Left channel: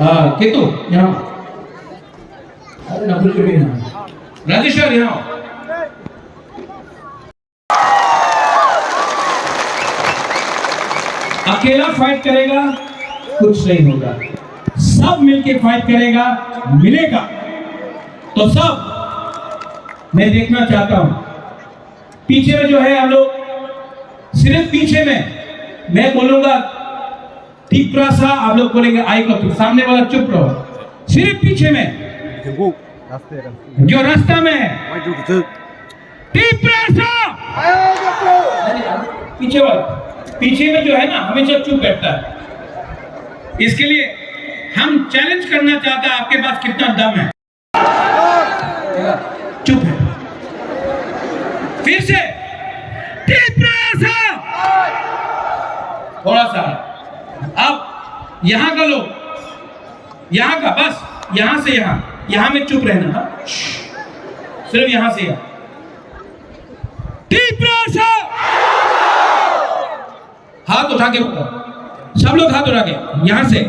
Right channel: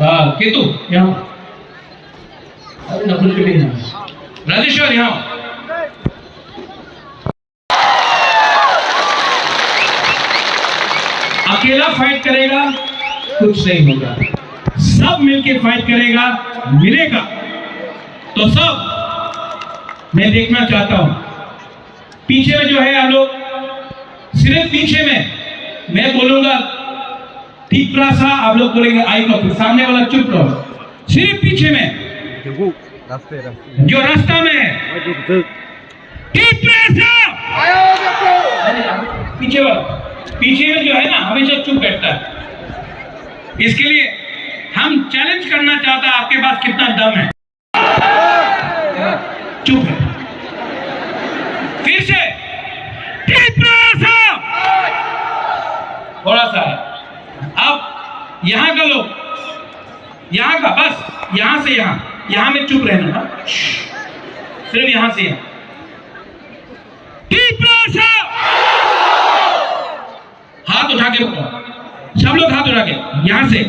केतु यहाँ, राजेश्वर यहाँ। अकेला फाइट करेगा कुछ नहीं होगा, सब मिलके फाइट करेगा मिलेगा। तो सब मैं देखना चाहता हूं, पीछे में जो है हम लोग, सिर्फ पीछे में मैं बोलूंगा ठीक सा, आप लोग बोलेंगे आई को, सामने वाला चुप रहो। सिर्फ पीछे में जो रास्ता में है ठीक सा, पीछे वाला, पीछे में जो है ना हमेशा चुप बैठता है। इसके लिए हम चैलेंज करना चाहता है आपके पास कितना दम है। चुप है, फिर से थोड़ा सा है। अब यहां का लोग, यहां का बस, यहां से यहां में चुप रहना, सिर्फ यहां से यहां। हाथ उठा के बोलो, सब लोग हाथ उठा के, यहां से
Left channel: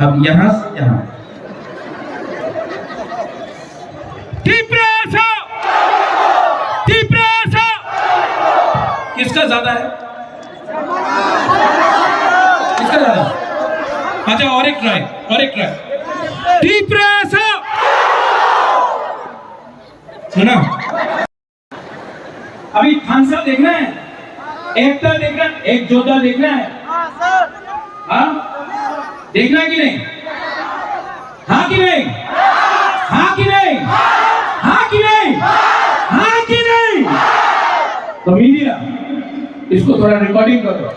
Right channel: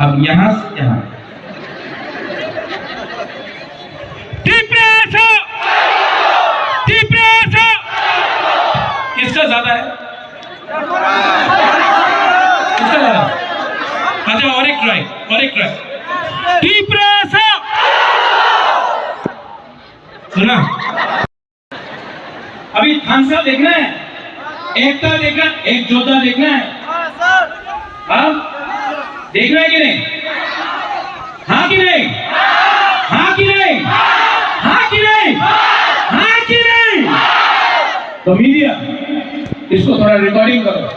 अब यहां से यहां किसका ज्यादा है? किसका ज्यादा? अच्छा, और एक ट्राई, और एक ट्राई। सुना? अभी थानसा देखना है, एकता देखना, एक जोधा देखना है। हाँ, देखना है कि नहीं? हाँ कि नहीं? हाँ कि नहीं? हाँ कि नहीं? हाँ कि नहीं? तो मीडिया, इसको थोड़ा रिकॉर्डिंग करो,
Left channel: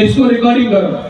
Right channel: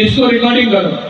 इसको रिकॉर्डिंग करो।